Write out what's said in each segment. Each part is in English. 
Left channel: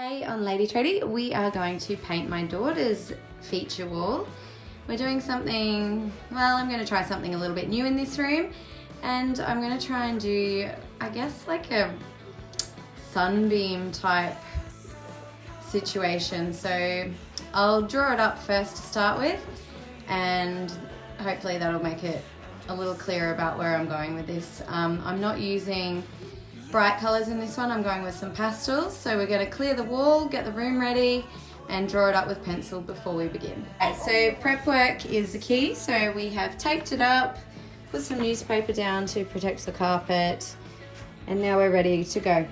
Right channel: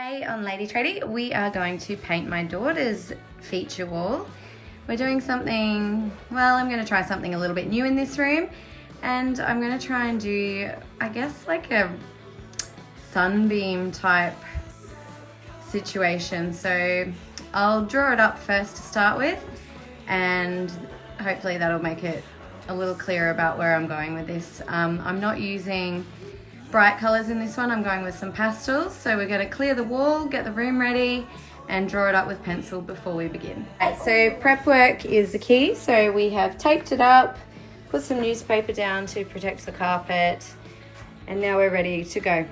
Today on Lady Tradie, we are going to paint my daughter's feature wall. We're doing something, well, I'm going to try something a little bit new in this room, and I'm going to try and do, I guess, like a sunbeam type situation. So I'll draw it up first to start with, and hopefully that'll make it a little clearer about where I'm going with this. I'm not using bright colors in this one. I'm going with some pastels. So we're going to clear the wall, get the room ready, and draw it up with pencil before we begin. Okay, so prep work is the key. So we have taped it up, put some newspaper down to protect the carpet, and now we're ready to go.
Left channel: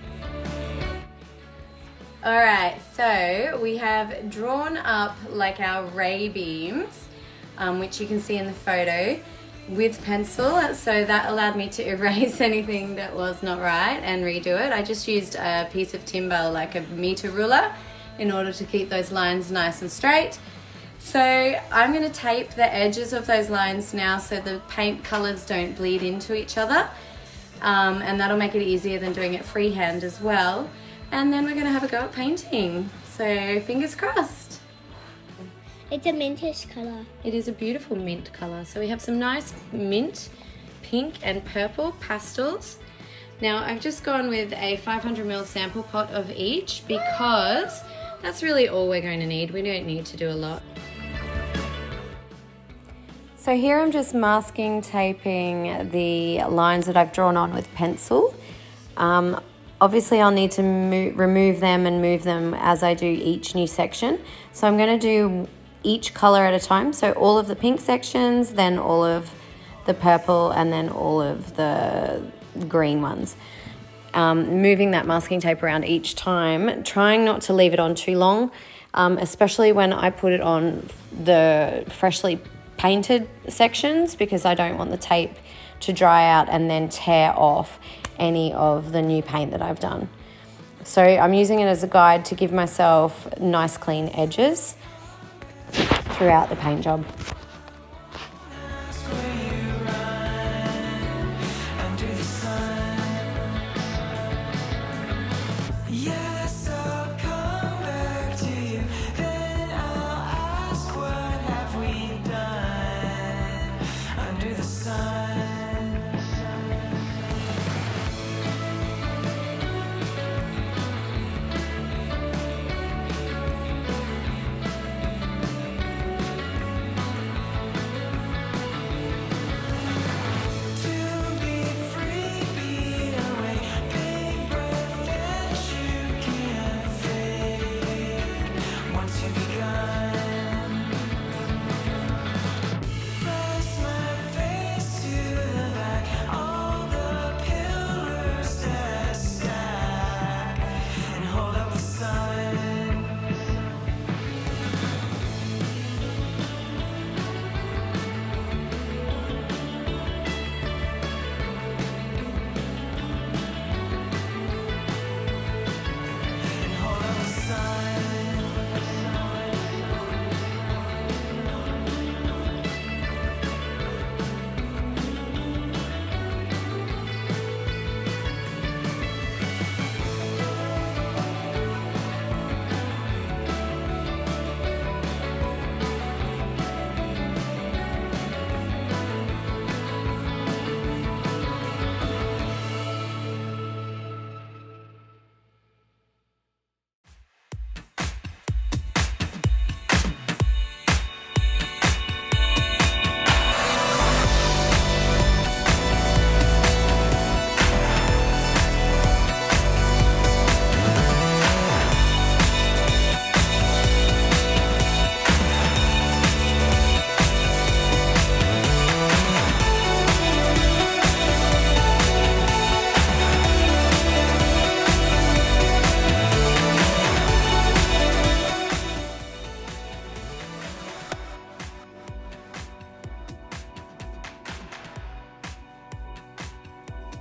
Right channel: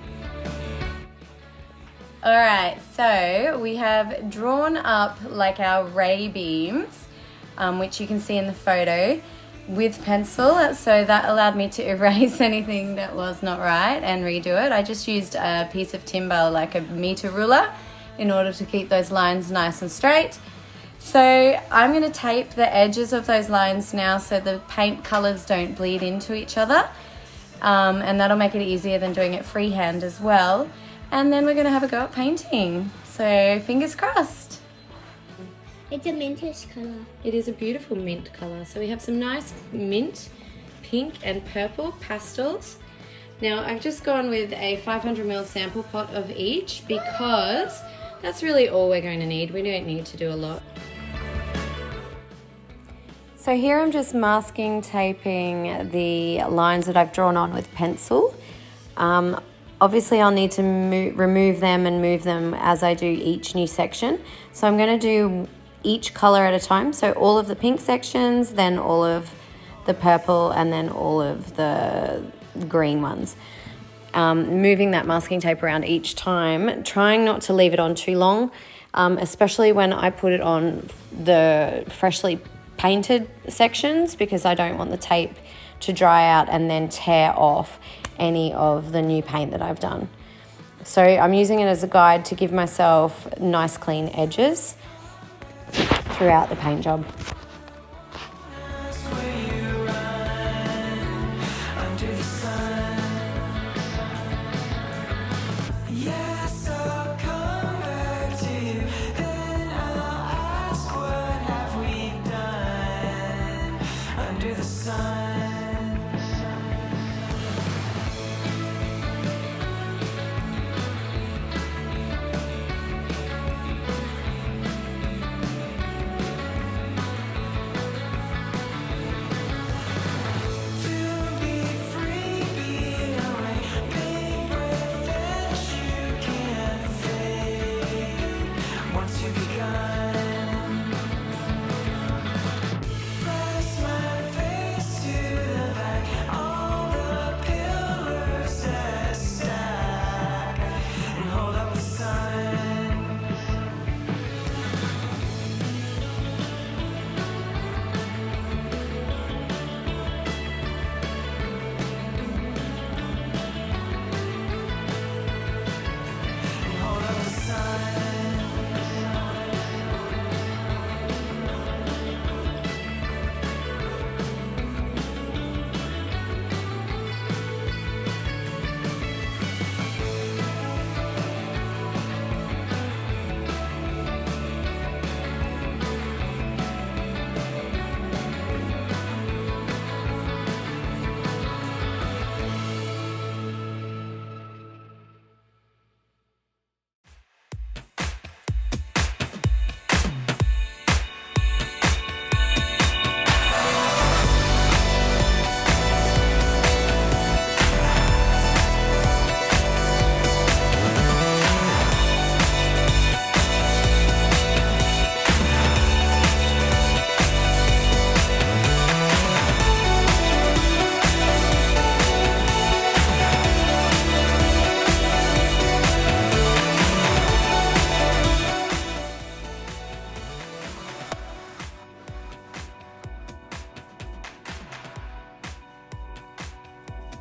All right, so we have drawn up like our ray beams, which you can see in the photo, with pencil, so that allowed me to erase anything that was not right and redo it. I just used a piece of timber, like a meter ruler, in order to keep those lines nice and straight. So I'm going to tape the edges of those lines now so the paint colors don't bleed into each other, and that'll make it easier than doing it freehand as well. And then we're going to have a go at painting, so fingers crossed. It's a mintish colour. It is a beautiful mint colour. So we have some nice mint, pink and purple pastels. Now I've just gone with a 500ml sample pot of each because that's really all we're going to need. We don't need to do a lot. So here I'm just masking taping the lines that I've drawn on with pencil. Obviously I'll need to remove them and move them as I do each new section. So I'm going to do each color at a time. So all of the pink sections, then all of the purple, and then all of the green ones. Moving that masking tape around each time, trying not to leave it on too long, especially when I put it on the freshly painted sections, because I don't want the tape to dry out and then tear off any of the new paint that I've done. So I'm using it as a guide to give myself nice clean edges throughout the paint job.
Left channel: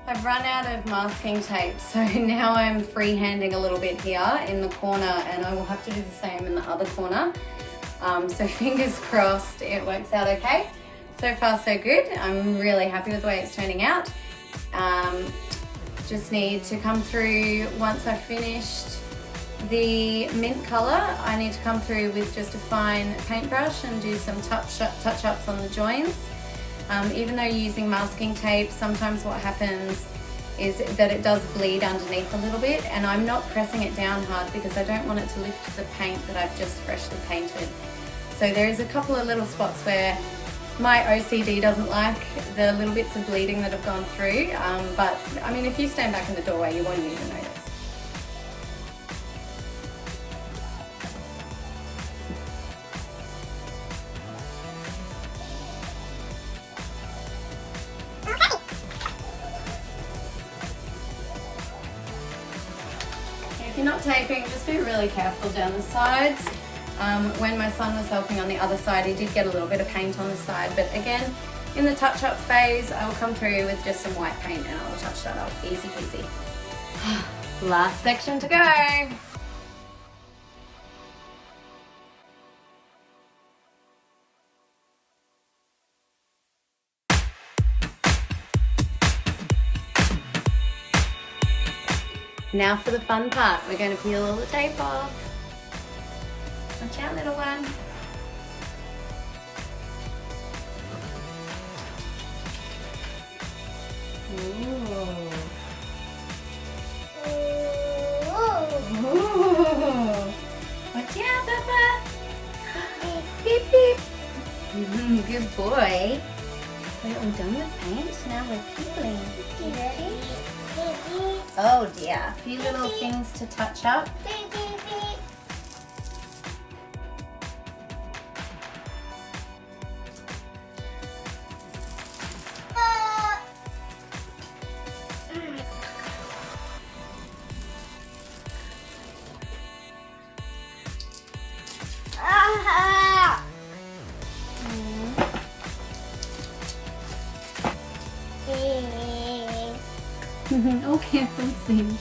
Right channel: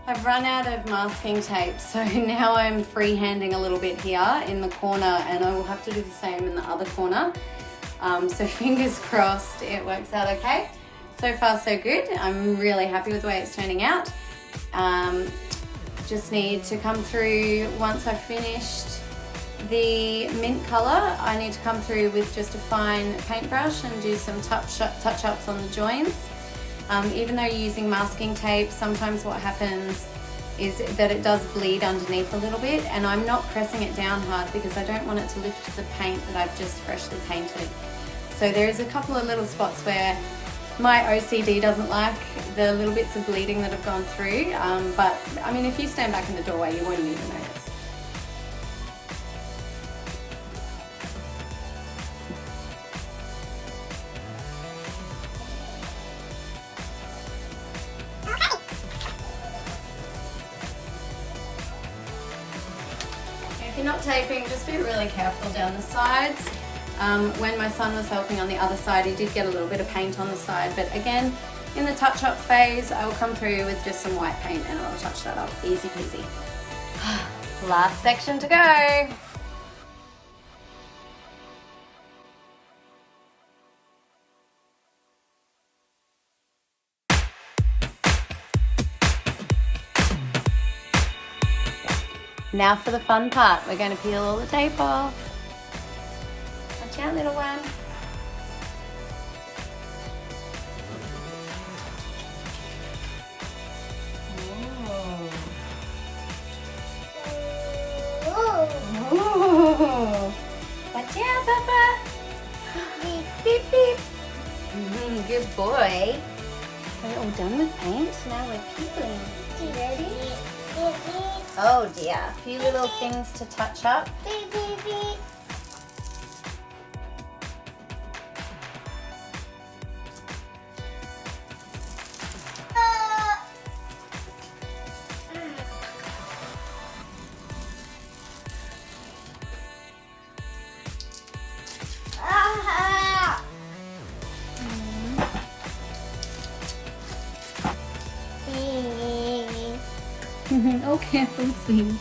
I've run out of masking tape, so now I'm freehanding a little bit here in the corner, and I will have to do the same in the other corner. So fingers crossed it works out okay. So far so good. I'm really happy with the way it's turning out. Just need to come through once I've finished The mint colour, I need to come through with just a fine paintbrush and do some touch-ups on the joints. Even though you're using masking tape, sometimes what happens is that it does bleed underneath a little bit, and I'm not pressing it down hard because I don't want it to lift the paint that I've just freshly painted. So there is a couple of little spots where my OCD doesn't like the little bits of bleeding that have gone through, but I mean, if you stand back in the doorway, you won't even notice. If you're not taping, just be really careful down the sides. When my son was helping on the other side, he did get a little bit of paint on the side, but again, in the touch-up phase, I'll come through with just some white paint and I'll touch that up, easy peasy. Last section to go. Now for the fun part, we're going to peel all the tape off. Watch out, little one. Ooh. Watch out, Papa. Beep, beep. Good boy. Are you all done with paint? Now we're peeling. You ready? Oh dear, a few little things to touch up. Oh, careful, Steve.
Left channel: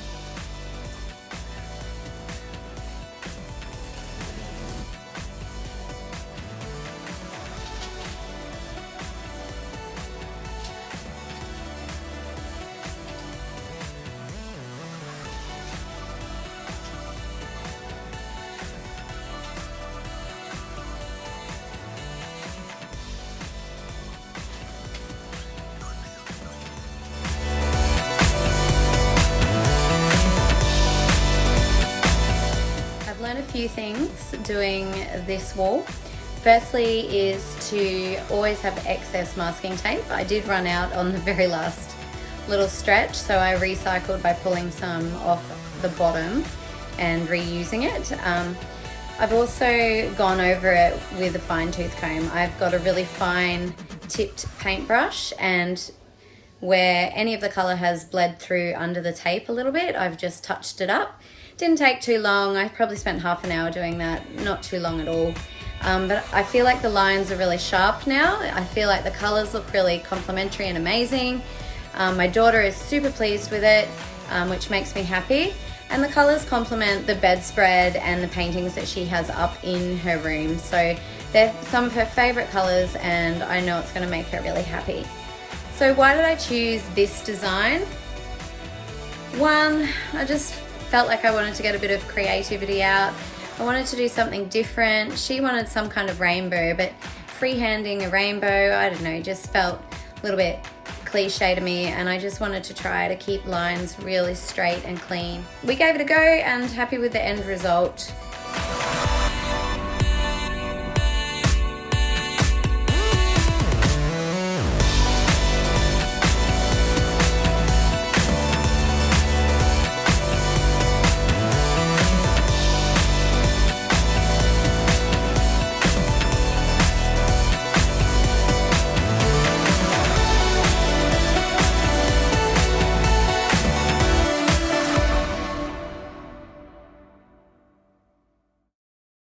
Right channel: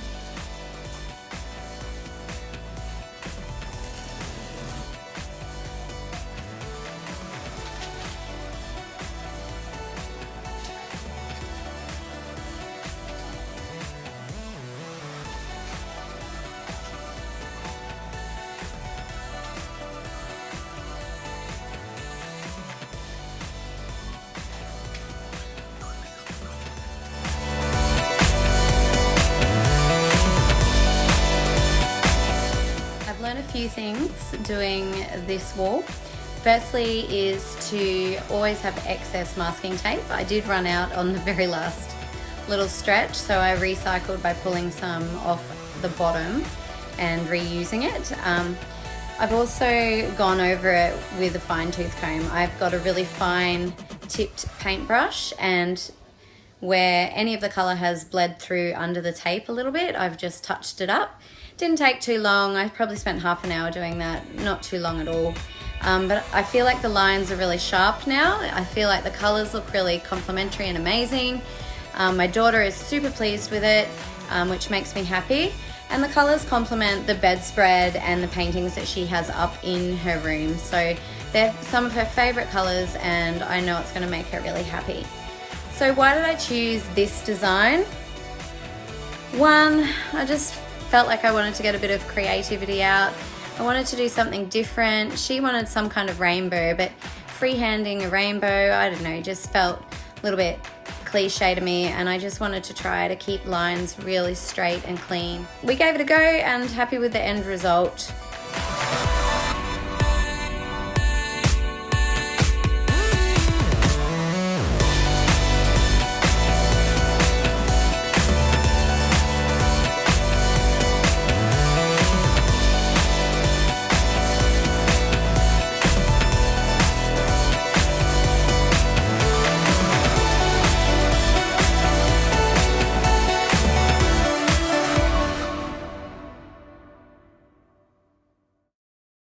A few things doing this wall. Firstly is to always have excess masking tape. I did run out on the very last little stretch, so I recycled by pulling some off the bottom and reusing it. I've also gone over it with a fine tooth comb. I've got a really fine tipped paintbrush, and where any of the colour has bled through under the tape a little bit, I've just touched it up. Didn't take too long. I probably spent half an hour doing that, not too long at all. But I feel like the lines are really sharp now. I feel like the colors look really complementary and amazing. My daughter is super pleased with it, which makes me happy. And the colors complement the bedspread and the paintings that she has up in her room. So they're some of her favorite colors, and I know it's gonna make her really happy. So why did I choose this design? One, I just felt like I wanted to get a bit of creativity out. I wanted to do something different. She wanted some kind of rainbow, but freehanding a rainbow, I don't know, just felt a little bit cliche to me, and I just wanted to try to keep lines really straight and clean. We gave it a go and happy with the end result.